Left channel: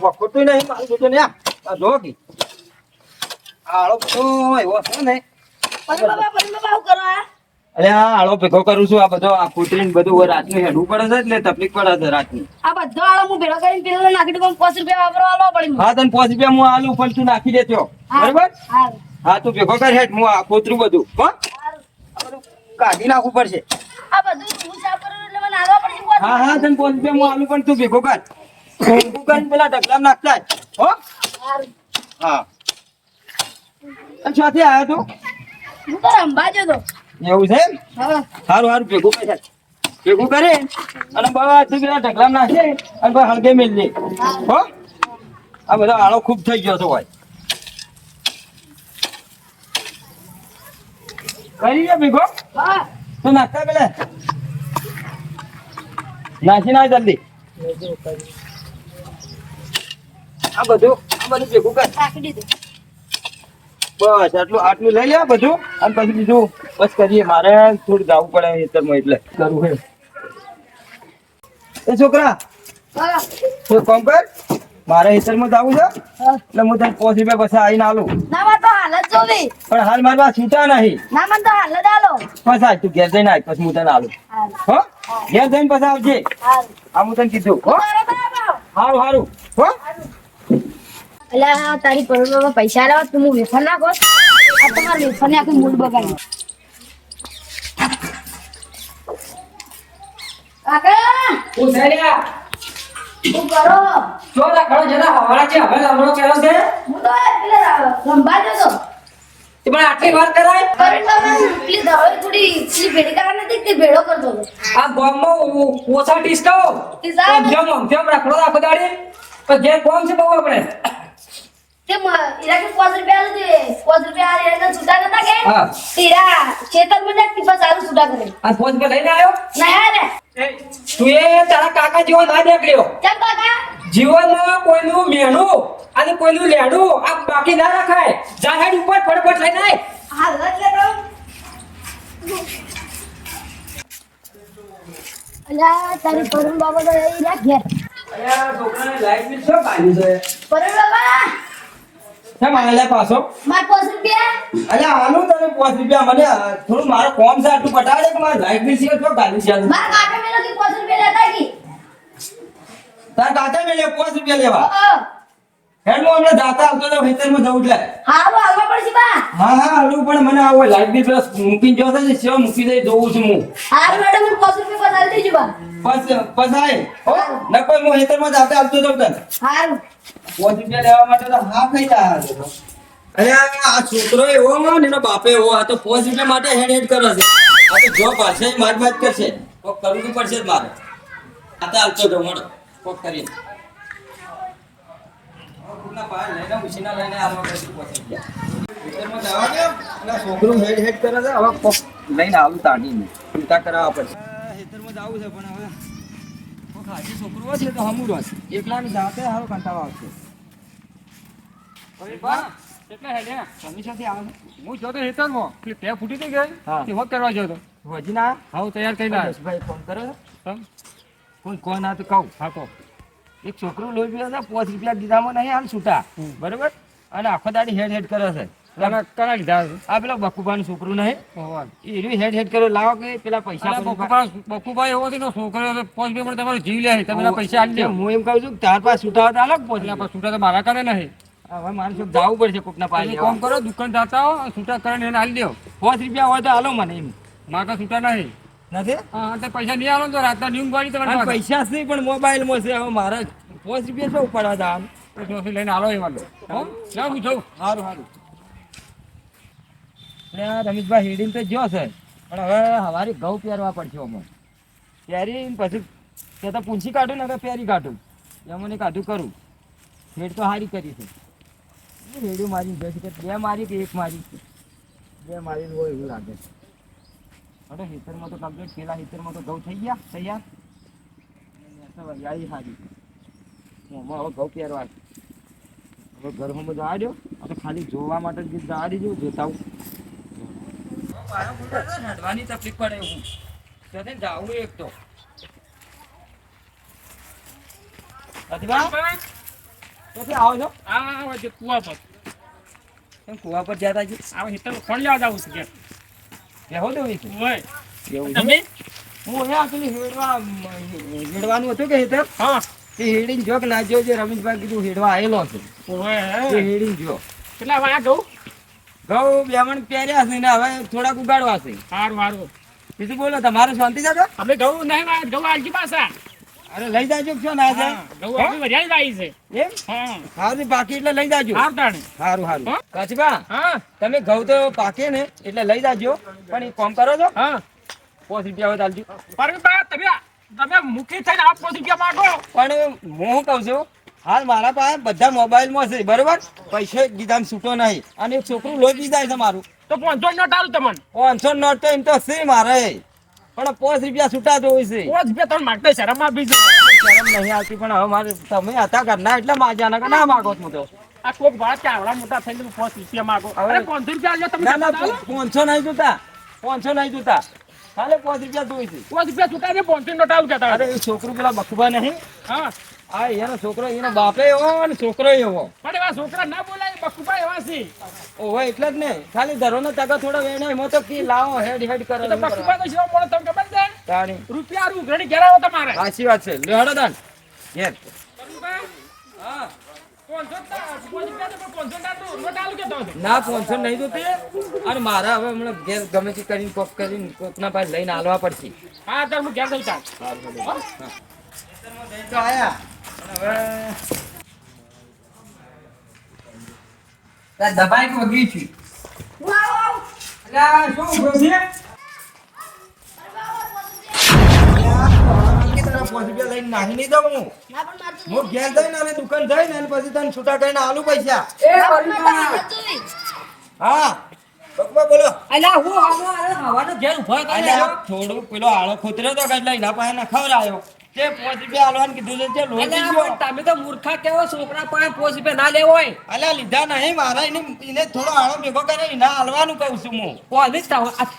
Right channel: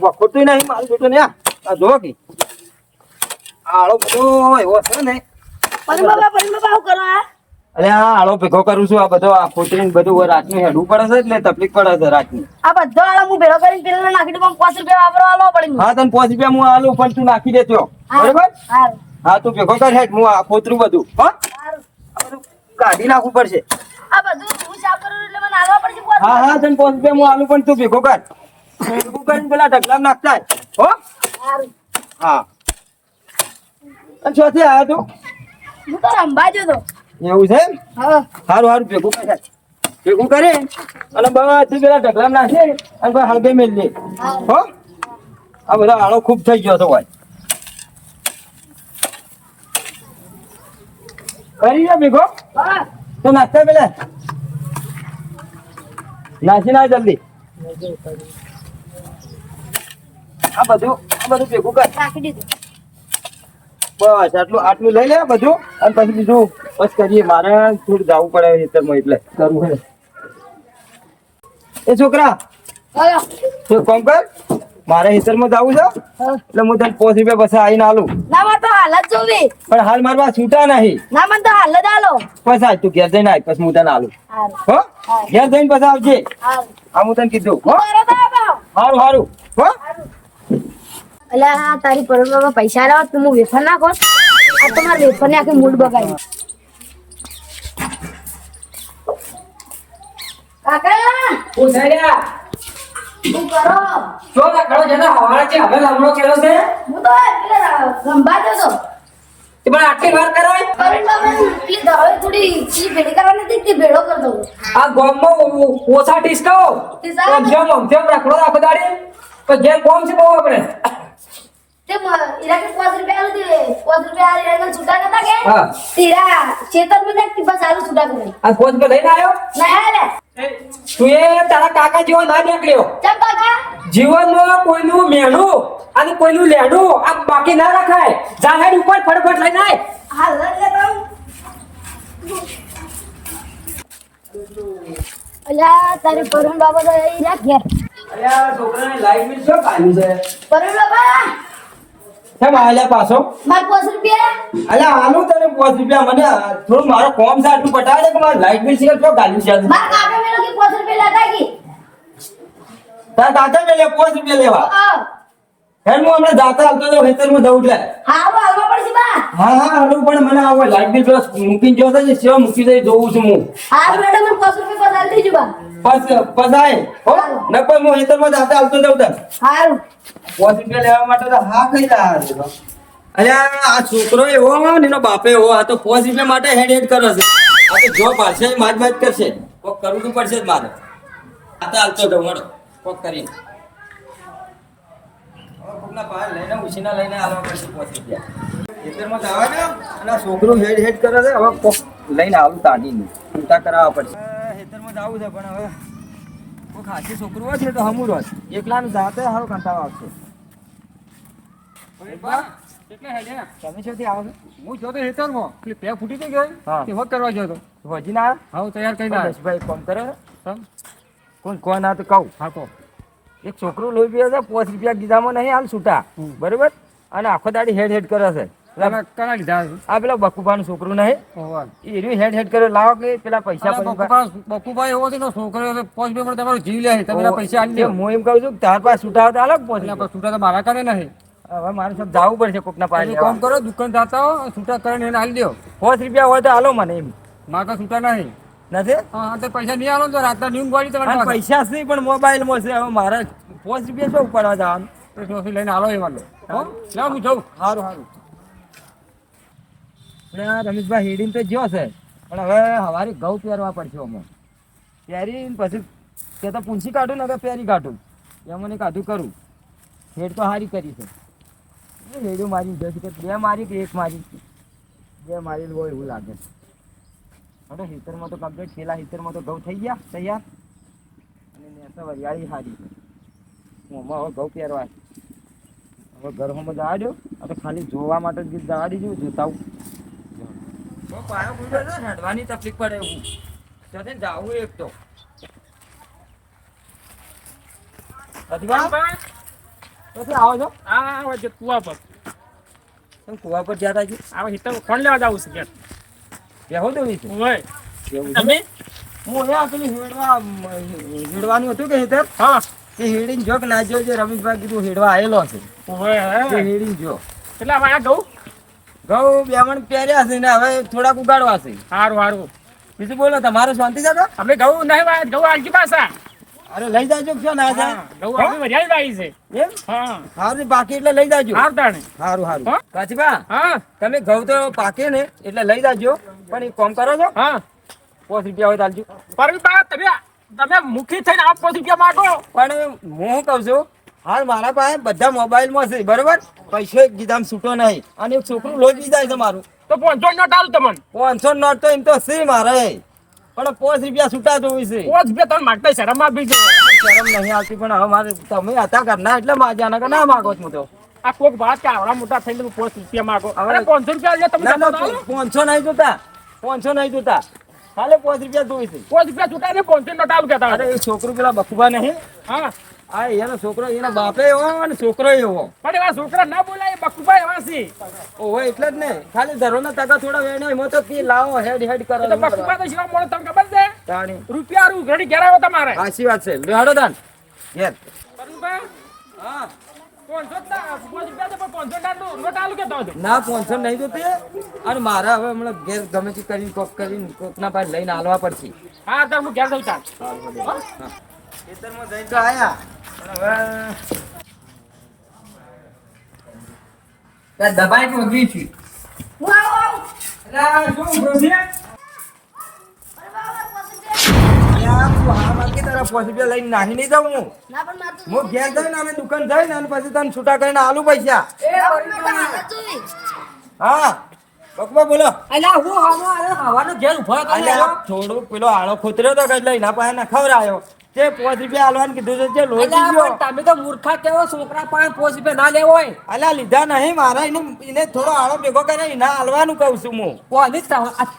વખોતું નહીં મારું જોતું ને આ જો કે આળો બધો એવો છે ને પરિમા શું કરો આ? અરે આ આળો ભેગો કરું છું. આ બધો આ ખોતરીને બધું રાતનું હેડવું પડે છે એટલે તકલીફ પડે છે રાતની. આ બધો આળો હું ભેળો કરીને પેલા નાખી દઉં, 5 રૂપિયા વાપરવા આલવા પડે મને. હા તને 5 રૂપિયા હું આલું પણ તું નાખી દેતો હારું, બરોબર. હારું, હા તું ભેગો કર હેઠ હું આ ખોતરું બધું હારું. આ બધું કાઢી નાખવું પડશે. આ બધું હું સાફ કરું એટલે મને આલવા પડશે 5 હા હા તને 5 રૂપિયા હું આલું પણ તું ભેગો કર. ભેગું કરીને પેલા ઢગલામાં નાખતા હો. હારું. હા અને શોથી આવ્યો તું? હું તો રંબા જતો. એવું છે એમ? હા. સારું સારું ભેગું કરે ભેગું કરે અને બધી પેલા ઢગલામાં નાખે અને પછી હળગે મેલ લે હો. આ બધો આળો ખૂબ થઈ ગયો તો ભાઈ. કરી લે ભેગો હા. તો નાખતા પેલા નાખી ના જલ્દી. આ બધું ભેગું કર. રાખી દીધું. બસ આટલું લઈ લે બધું અને પછી બીજું બસ કરીએ. મારે થોડું જવું પડે ખેતરમાં એટલે કરવું છે. એ છોકરા બોલો. તું કામ કર. મારે ખેતરમાં જવું છે હા. એટલે હું તને 5 રૂપિયા પછી આવીને આલું. ના મને તો હાલ જ જોવી. પણ હાલ મારી પાસે છૂટા નહીં. ના મને તો હાલ જ આલો. પછી આજ તું ઘેર જઈને આવ પછી હું તને આલું હારું. હો. ઘેર જઈને પછી આવજે. હારું. આ હું તને કીધું હો. તરત આવો. સારું સારું હો. અલ્યા તારી પરવામાં પૈસા લાવ તું હું વેફર નાખો. આ તમારે વેફર ને આખી મૂડ બગાડી. કાકા હું સાઈડા શું કરો? જો રાખડો જના હવાળા છે હવે લામણો કર્યો છે હું તો પેલા રંબા જતો. તે પણ આટલી વાર કરાય કરીને તમે પેલી દવાઈ થોડી પેલી ભેડી કરવાની હતી તે ભેડો કરતો હતો. આ ગામમાં ઓછા ટીસ્કો ટીસ્કા? જેમ રાખડો રાખો દાડી પણ જે કોમ છે બહુ આપણે તે એરા કે 5 રૂપિયા આલું તે 5 રૂપિયા આ એરા છૂટા કરતા કે હા. તેરા ચેતન માં જાક ટીપા ચાલુ છૂટા કરે. આ ફોન પર લઈને આવ્યો ના રે તું એ તારા કાકા જેવો ના નીકળ્યો. ચમ કાકા જીવનમાં કોઈનું મેણું અને કોઈનું લેણું આ બાકી ના રખાય. જાહેર ઉપર ફટફટ લઈને આય. હાલ જ લેતા. અલ્યા તારી પરમ બાબા તો એરા ઘેર અલ્યા છોકરાને લાઈટ બિલ શું કાઢ્યું છે? પરમ બાબા કેમ આલ્યા પાછો? માર 5 રૂપિયા અલ્યા આનું તને 5 રૂપિયા મને થોડું મારો કોમ છે આટલું પટાવી દે કે મારે લાઈટ બિલ સિવાય શું કાઢ્યું છે? માર કાકા મેલો કે 5 રૂપિયા લેતા કી તાર કાકા ને લે 5 રૂપિયા લેવા. હા હેડ હું હમણાં જાતા આવતો તો ખેતરમાં જઉં એટલે. હારું આવવા પડશે બા. હા હા હાલું પણ મને આવો લાઈટ બિલ પ્લસ મૂકીને જો છે સેવા મૂકી દઈ જોઉં છું હું. હારું મેડમ મને 5 રૂપિયા બતાવી દેજો બા. પસાય હો નકો હું ખેતરમાં જાતા આવતો જાઉં તને. હારું 5 રૂપિયા લેવા માટે તો હા કઈ રહ્યા. અલ્યા આ છોકરો એવો ને એનો બાપે એવો. આ તો 5 રૂપિયા માટે હેડ હેડ કરે છે. આ તો જો પાછે માર કરશે. કોક કરવું તો પડશે જ મારે. આ તો હાલતો જાઉં હેડો કોક કરીને. કોકના પાસે લઈને ઉછીના લઈને આવવા પડશે 5 રૂપિયા. ખેતરમાં જવા દો અને આ છોકરો હેડ હેડ કરે છે. હવે કોક લઈને આવું તાણીને છૂટા કરાવવા પડશે. ખેતરમાં જવું છે પણ હવે કોક હાથી છોકરો હશે તો હમું રસ એકલાનું જાતે હવે કંટાળો આવશે. કેટલા હેડ્યા તમે શોથી આવો છો? હું જોતો હેતરમાં પેલી પે ફૂટી તો ગઈ હા. તે વખત કરવા જતો હજી ના હાવ તૈયાર કરીને આવ્યો ભાઈ ફોન કરે તમ કોણ આ તો કહું હાકો એક છોકરો લોહી પીવે છે 5 રૂપિયા ગીધામાં નહીં હાલ છૂટા બરોબર અને આખો દાડી હેડ હેડ કરે છે. કના લીધા છે આ પેલા બકુભાનું છોકરું નહીં ઓવા એનું હેડ હેડ કરે લાવો કે પેલા પૈસા બકુભાઈ એવો છે ને છોકરો 5 રૂપિયા તમારો જીવ લે તમે પેલા પૈસા આલી દો હું એમ કહું છું કે તાર પાસે છૂટા હોય તો હાલો 5 એટલે છૂટા તો મારા કરે નહીં હવે મારે સબ જવું પડશે કોકના પાસે તમે કામ કરો દુકાન જાતા હો છૂટા કરીને એને આલી દો 5 રૂપિયા હોય તો હાલો મને એમ મારા તો છૂટા નહીં નથી હા તો પૈસા નહીં આલો તો રાતના ન્યૂઝ વાળી અને તમારે પૈસા જ નહીં પણ મોબાઈલમાં છે હવે મારે 5 રૂપિયા શું ઉપાડવા જવાનું. પૈસા લઈને આલો એ વાલો હો લાવ હું જાઉં સારું સારું એટલે આ રમેશભાઈ હેડીને તો જ્યો છે પણ હવે સવારે ઘઉં પહેરવા પડશે અમો પહેરી પછી કે તો પૂંછી કાઢું ને તો પહેરી કાઢું એમ મને કાઢું કરું. હેડ તો સારી કરી છે હેડું મારી જશે કે 2 મારી કે 1 મારી 2 મારેલું હોય એવું લાગે છે. હવે હેતરમાં તો કમ્પ્લીટ છેલ્લા હેતરમાં તો ઘઉં થઈ ગયા તૈયાર અને નેસો વરિયાળી સારી છે. હું હમણાં હવે ઘઉં પહેરવા છે. હવે ઘરમાં જવા દો આ તો ખાલી જોવા માટે જ જવા દેજો જોતા હું પાયો બોલતો છે હેડવાની તકલીફ પડે હું જવું એક તો અજવા ક્યાંથી આવો છો? આ વચ્ચે કુવા પર તમે કુવા પર જતા છો? આ હિતર કોણ લેવા જાવું છે ઘેર? બેહો દો છે ઓય એવું છે? તમે હું અહીંયા પેલી હેડવાનું હતું કે હેતર હા તે હેડીને જો કે ના જો જે રમેશભાઈ કીધું હેડવા આવેલો છે ઓય તે હે હેડીને જો કેટલા વાયા ગઉ ઘઉં બેમણ પહેર્યા છે ને હવે થોડાક ઉગાડવા છે. હારું હારું બીજું બોલો તમારે શાંતિ છે? અમે ઘઉં નહીં વાયા ઘઉં આલકી પાછા અરે લઈ જાજો કે શું ના જાય? ઘઉં આપણે વધારે વાઈ છે એમ હા સારું બાકી એટલે લઈ જાજો. હાર તાણે સારું સારું હા? કાચબા હા તમે ઘઉં તો પાકે ને એટલે લઈ જાજો પણ એક કામ કરો છો હા 5 રૂપિયા હોય ચાલજો. પરવીબા તમે મુખી થઈને આપ 5 રૂપિયા માંગો પણ હું કહું છું હાલ મારા પાસે બધા મોબાઈલમાં છે બરોબર પૈસા ગીધામ છૂટો નહીં અને એક છોકરું લોભી જાય છે મારું તો 500 નોટ આલું તમને 500 નોટ તો એમ તો છે મારે પણ 5 રૂપિયા છૂટા જોઈ છે. 5 રૂપિયા તમે માગતા શરમ આપી દો શરમ નહીં આવતી પણ હવે મારે તમે હતા ઘરના એટલે માજાના કે ના માગો હું તો આ કોક વાત કે આવડા મોટા થઈને 5 રૂપિયા માંગો હવે- હવે 500 રૂપિયા આલ્યા તમે ના ના જમા આલો? 500 નહીં જોતા 500 નહીં જોતા હાલે 5 રૂપિયા જોઈ છે. 5 રૂપિયા છૂટા ને 500 નોટ આલું કહેતા અરે એ છોકરું પેલા બખુબા નહીં હા આ એનો છોકરો એનો બાપે એવો અને છોકરો એવો પણ એવા છોકરા ના બોલાય બકુભાઈ એવા છે ઓહો એટલે જ ને ખાલી ધરોના ટકા થોડા વેણે એમાં તો કી લાવો હેડ હેડ કરો એટલે બકુભાઈ તો જેવા માણસ તમને ખબર છે તાણી રૂપિયા હારું ઘડી ઘેર આવો તમારે સાચી વાત છે લેહાડો દાન ઘેર બકુભાઈ હા 500 રૂપિયા તો પણ 500 નોટ આલું કહેતા હતો ના 500 નહીં જોતી અને મારા હવે હમણાં ઘેર ગમે તે કરીને કોક કરીને કોકના પાસે લઈને આલવા પડશે. હા તો હું ઘેર જઉં ચાલ ખેતરમાં જઈને તો આયા પણ હવે દબાઈ વગી છે. હું આવું અલ્યા શું ગોજી અરે બાબા 5 રૂપિયા યાર તું હા મારકી તારા 5 રૂપિયા લઈને નાહી નહીં દઉં હું. ના પણ માર તો હું ઘેર જઈને અને દુકાન જઈને અને પછી તને છૂટા કરીને આલુ પૈસા. ના પણ માર તો હાલત જોઈ હા બકબા બોલો. અલ્યા હું હવાનો ઘેર ઉભો હતો ને અલ્યા થોડું પેલો આળો ખોતર્યો તો એટલે એના પાસે ના ખવડાયો તે 5 રૂપિયા આલવાનું કીધું છે તે લોહી અલ્યા ગયો. પણ તમે તો મૂર્ખા કેવો છોકરા પાસે 5 રૂપિયા ના લેવો હોય અલ્યા લીધા નહીં મારા એને થોડો આળો ભેગો કર્યો એના આલવાનું કહું છું હું. કોની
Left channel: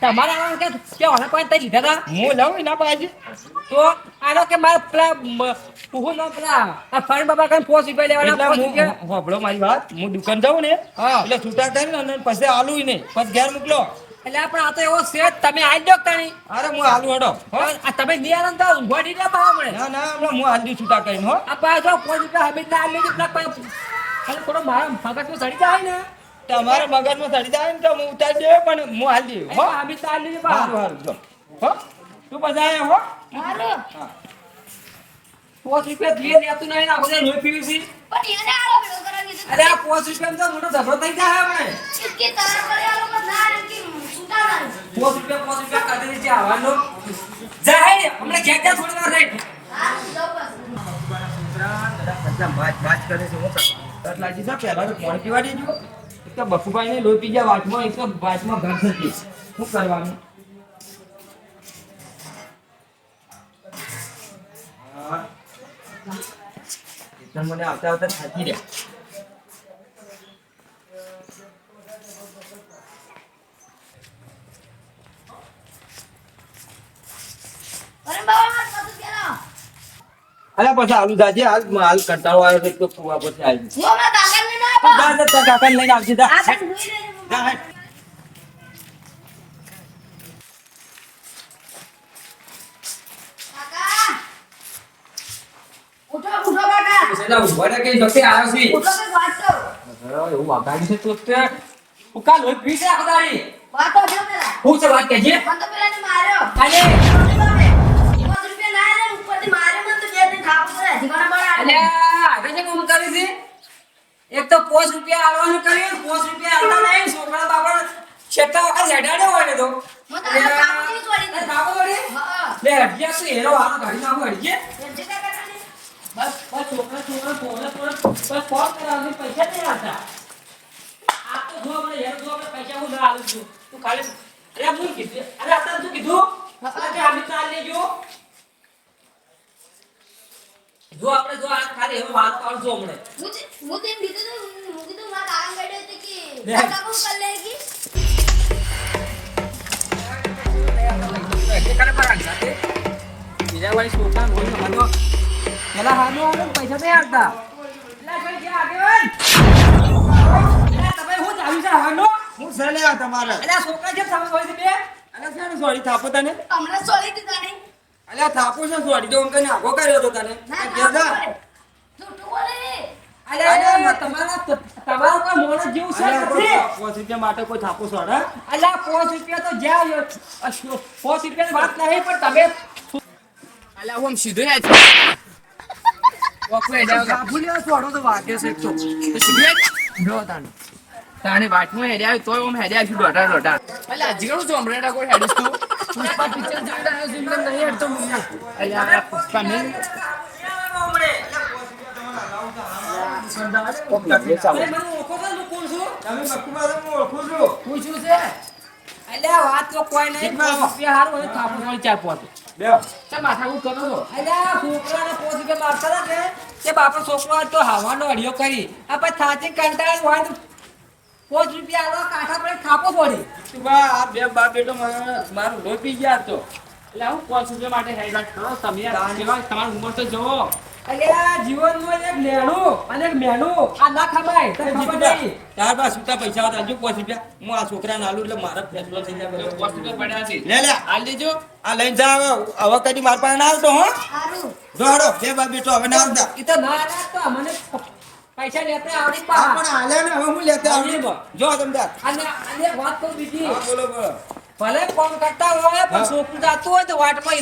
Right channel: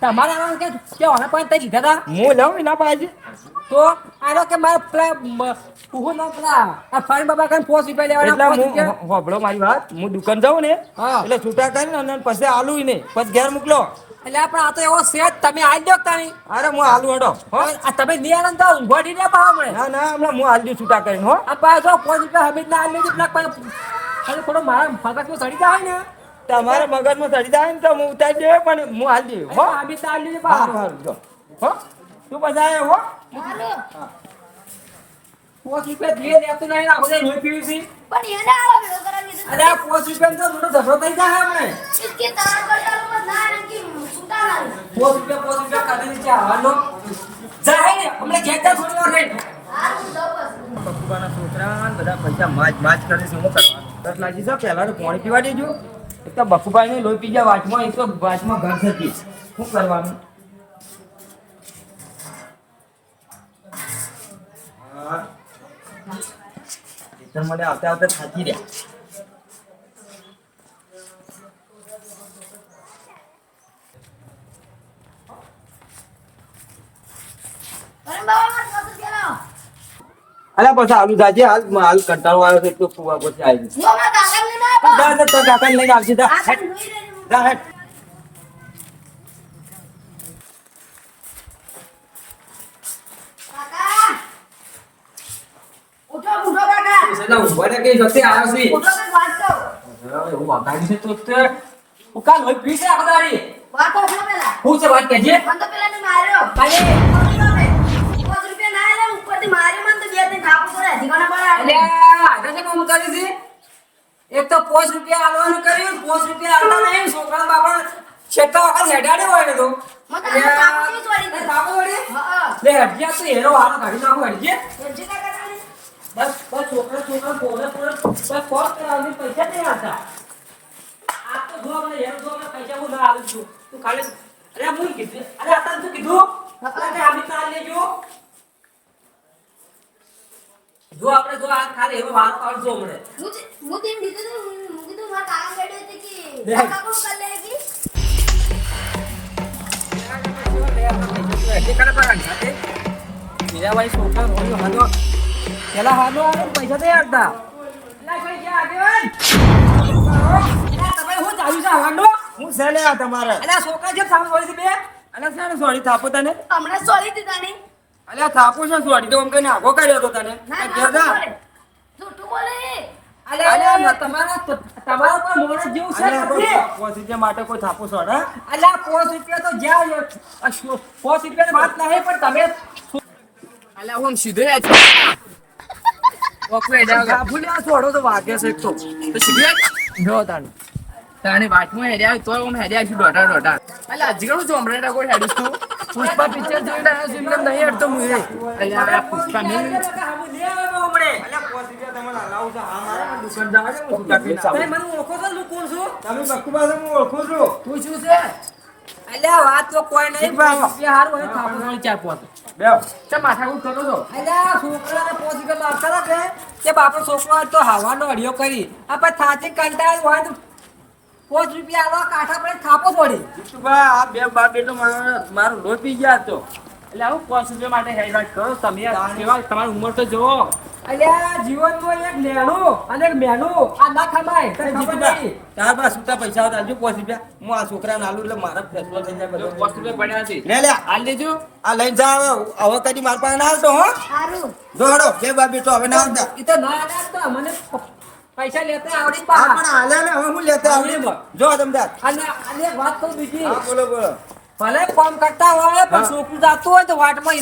તમારા આવા કે ઓના પાસે તઈ લીધા હતા હું લઉં એના પાસે તો આનો કે મારે પેલા હું ના પેલા આ ફાઈન બાબા કઈ 5 રૂપિયા લેવાના 5 એટલે રૂપિયા હું હોભળો મારી વાત હું દુકાન જાઉં ને હા. એટલે છૂટા કરીને અને પછી આલું ને પછી ઘેર મોકલો. અલ્યા પણ આ તો એવો સેટ તમે આજ દો તાણી અરે હું આલુ હડો હો. આ તમે નિયારન તો ઊંઘવાડી દે પાવા મળે ના ના હમણાં હું આલજી છૂટા કરીને હો. આ પાછો 5 રૂપિયા હમીદ ના આલી લેજે પેલા ખાલી થોડો મારા મગજમાં સડી જાય ને તમારા મગજમાં ચડી જાય ને તો હું ઉતારી દે પણ હું આલી દે હો. હમીદ ના આલી લેજે સારું પાવા સારું જો હો તું પછી આયા હો. મારું 5 રૂપિયા દે લેતું નહીં આખો દે લોહી પીવી છે પણ એને આળો ભેગો કરાવી દીધો અલ્યા 5 રૂપિયા તો મોટો ઝઘડો થઈ જાય હમણે કે તાર કરી આલો પણ ના એમ કે સુતા ના 5 રૂપિયા કાઢી દે આવવાનો જાહેર હમણે ઘેટા થોડી વાર રહી હા હું જાઉં બસ બકુબાના છોકરા ને બધા પૈસા માજ કરે છે શું કરવાનું? દસ લાગી છે પહેલા તો પાણી પીવા દેજો. એક તો બકુભાઈ ને લોહી પી ગયા વાંચમાં એક તો વાંચમાં ઘર થતી શું કરવાનું? હા એટલે મને આવતા આવતા થાકી રહ્યા. અરે બાબા માર 5 રૂપિયા લાવો અલ્યા પછી આલુ જાજે હાલ કંટાળો આવ્યો છે એક તો કુવા પછી આવી હું અમાર કાકા ને ના આપો જા તારા કાકાને લઈને આવજે જા. આ તો જોઈ લેજો જા હેડ. કાકા ઉઠો ઉઠો કાકા એટલે ઊભા ને કે જતે આવ્યો છે ઉઠો કે વાંચો એવું વાગાડી છે તો તે ઉકા લોહી પી છે આખો દાડી વાતો જો પેલા હું છે વાત કેજે મને તો પેલા ને માર્યો કાલે 5 રૂપિયા ના આલે ને ઉપરથી માર્યો મને તો બે ત્રણ થાપો કરે જીવાના બળા અલ્યા આગળ છે કામ કરી છે એક તો 5 રૂપિયા આલવાનું કર્યું 5 રૂપિયા આલતા નહીં છોકરા બાપા છેટા વખત હેડાડ્યો હોય ને તો મને તો થાપો નહીં છોડી દે થાપો વળી હા લે હટિયા તો એનો વારો કાઢી નાખો હટજે એમ છે કાકા તાણી બસ છોકરા થોડે બસ ફોન કરાવને પૈસા નહીં આવતા આ તો જો આપણે એનો જો આપણે પૈસા હું ના આલું છું તું ખાલી અરે હું કીધું અરે આતા તું કીધું કે અમે તાર લેજો જો આપણે જો આ ખાલી એનો વાર પાડજો હમણે હું તેમ કીધું તો હું કીધું મારા કાકા કાઢ્યો હતો કે લે. કાકા કોણ કરી લે કે એટલે કરે પર આંખા તે મીરાબાઈ છોકરા રોજ હાલો પેલા હાનો આલો ને પૈસા નહીં આપતા. એટલે કોઈ ગયા આગેવાન? એટલે તમે શું ચાલ્યું છે હવાનો? હું છે લે આ તમારે એટલે આ છોકરા જેમ સામે બોલી બે. અલ્યા શાને સોડી થાપો તને હમણાં સોરી દીધા નહીં. અલ્યા થાપો છે સોડી તો અમને નાગો કર્યો હતો તને ના ક્યાં જા? બોલે. જૂઠું બોલે. અલ્યા તમારા કોઈ મોણસ જેવું છે અલ્યા નથી. કોઈ 5 રૂપિયા માટે કોઈ થાપો સોડા અલ્યા 5 રૂપિયા તો જ્યાં 5 રૂપિયાની વાત નહીં પણ તમે અલ્યા હું આમ સીધો યાદ છું. ઓકલે હેડ્યા વગર. ભૂલ્યા છોડો તો વાગે છે એક તો. તો સીધો યાદ? જો તાણે વાટમાં હેડ્યા હોય તોય આમ હેડ્યા છું દોઢા. અલ્યા હજી ઘણું ચોમરેટા કોઈ હેડીશ તું. પુષ્પા પિક્ચર જોઈને આવ્યો છું એમને નહીં હેડતો હું એ. અલ્યા આ પુષ્પા મેં તમે મને ઓળખો છો હું કોણ છું? તમે બકુબા હું ઓળખું છું પૂછ્યું છે અલ્યા વાત તો કોઈ નહીં પણ રૂપિયા હારું અને થાપણવાળી 4-5. બેવ ચા માથાકૂટ કરો છો. અલ્યા છોકરાને 5 રૂપિયા માગતા હતા કે બાપા છોકરો આજ તો હવાનો અડિયો કરી આપણે થાચી કંટાળી હોય તો 5 રૂપિયા આલો કાંઠા પર થાપો છોડી. જીતુબા આ બે બાપ બેટો મારો લોહી પી ગયા તો એટલે હું 5 રૂપિયા માટે હેડ વાત કરો તમે યાર. કેવાય તમારી ઉંમર તો જુઓ. અલ્યા જીવનનું એક નેણું અને એક મેનું આ ના ખમાય તને ખબર નહીં. તાર પાસે છૂટા પૈસા હતા જો 5 રૂપિયા હું આ છોકરાને આલું એટલે મારો ફેસલો થઈ જાય બધો 5 રૂપિયા પડ્યા છે. લે લે હાલ દેજો. આ લઈને જા હવે કદી માર પાસે ના આવતો હો હારું. જો હડો બે બાપ બેટો હવે ના આવતા ઈ તો ના આલ્યા તો મને પૈસા લેતા આવડી હા પા. પણ હાલે ને હવે હું લેતા આવડી જો તમદાર અને એક વાત કહું બીજી હા બોલો બોલો ભલે કામ કરતા હોય પણ છોકરું જાતું હોય તો વાટમાં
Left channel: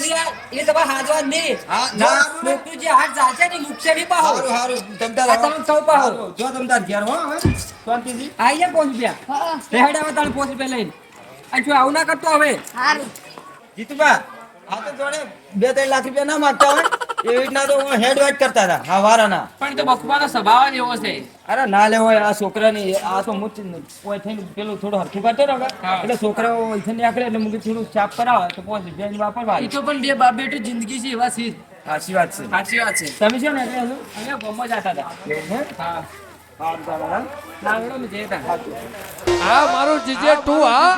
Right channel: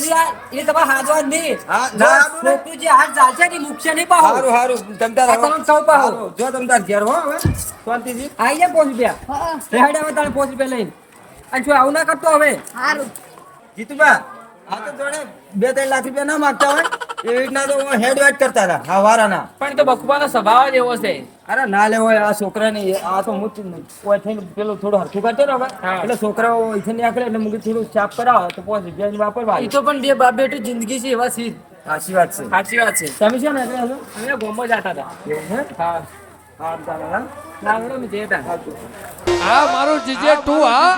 એ તમારે હાજવા નહીં. હા, જો ના, છોકરું જે હાથ ચાલશે ને મુકશે નહીં પાહો. હારું હારું તમદાર આ તમે કહું પાહો. જો તમદાર ઘેર હો હવે શાંતિજી આઈ જાય 5 રૂપિયા હા. રેડ આવે તાણે 5 રૂપિયા લઈને અને જો આવું ના કરતો હવે હારું. જીતુબા આ તો જોડે 2-3 લાખ રૂપિયા ના માંગતા હોય એ રીતના તો હેડ વેટ કરતા હતા હા વારાના પણ એ તો બકુબાનો સ્વભાવ જ એવો છે. અરે ના લેવો આ છોકરાને આ તો હું કોઈ થઈને પેલું થોડું હરખું કરતો ને હવે હા. એટલે છોકરાઓ અહીંથી નીકળે એટલે મુકે થોડું સાફ કરાવે તો 5 રૂપિયાની વાપરવા એ તો પણ બે બાપ બેટી જિંદગી છે એવા સીધ. સાચી વાત છે સાચી વાત છે. તમે શું નીકળ્યા છો અમે ગોમો જતા હતા. એવું છે હા હા તમારા ના વડો અમે જતા. સાચું હા મારું જીજે તું હા